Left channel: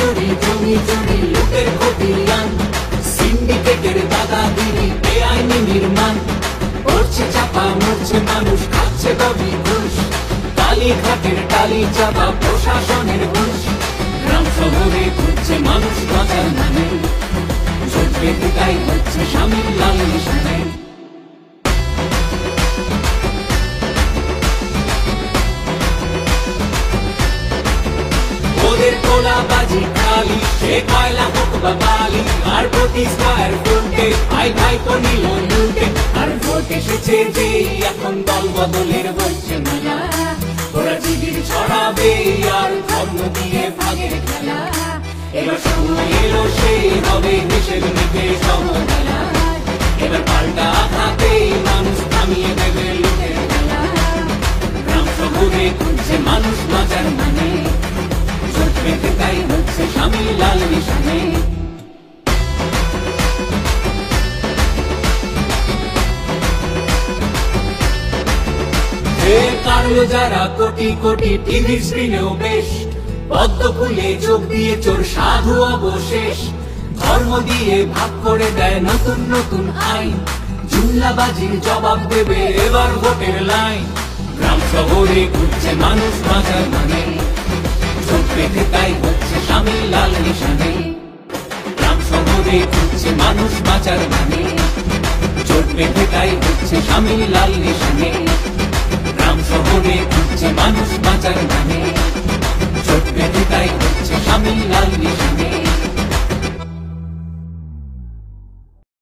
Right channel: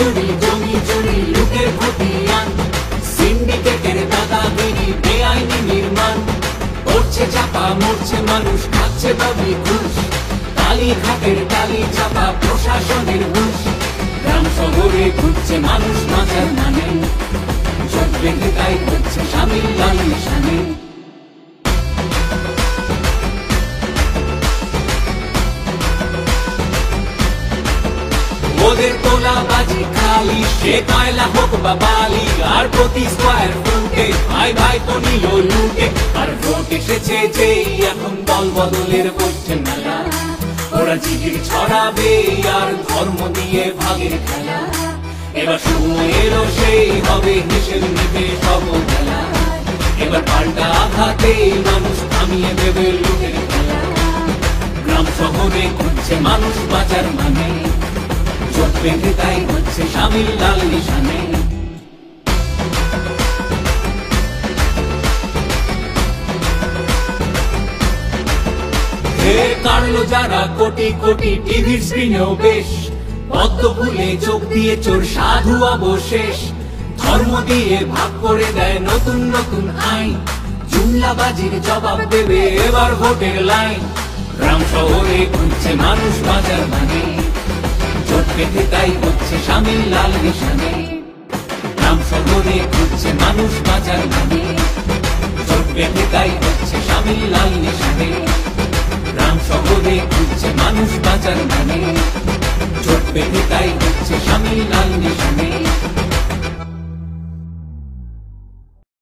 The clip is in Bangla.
চুরি জমি চুরি লুটের খতিয়ান সিন্ডিকেটের দাদাগিরি বেআইনি নির্মাণ করছে চাপা মরছে মানুষ খাচ্ছে দাবি ঘুষ কালীঘাটের টালি চাপা প্রশাসনের হুঁশ গ্রাম শহরে ঘুরছে মানুষ বাঁচার নামে চোখ বেঁধে তাই হচ্ছে শামিল লাল নিশানে ওদের তোলা বাজি খালি সে কয়লা হোক বা বালি আর প্রতি স্কয়ার ফুটে ভাই ভাই তো নিল লুটে আর ভোট এসেছে যেই এখন দল বদলের বইছে মেলা ওরা জিগির ছড়াবে আর ধর্ম দিয়ে ভাগের খেলা এবার সময় এলো সেই হবে দেশের মুখে সব খেলা এবার পাল্টা আঘাতে মানুষ থামিয়ে দেবে লুটের খেলা গ্রাম শহরে ঘুরছে মানুষ বাঁচার মানে তাই হচ্ছে শামিল লাল নিশানে কাটলো যারা কোটি কোটি টিভির স্ক্রিনেও বেশ পদ্ম ফুলে চোখ দিয়ে চোর সাধু অবশেষ ধর্ম দিয়ে ভাগ করে দেয় নতুন নতুন আইন জুমলাবাজির জবাব দেবে এবার ভোটের লাইন গ্রাম শহরে ঘুরছে মানুষ বাজার মানে চোখ পেতে তাই হচ্ছে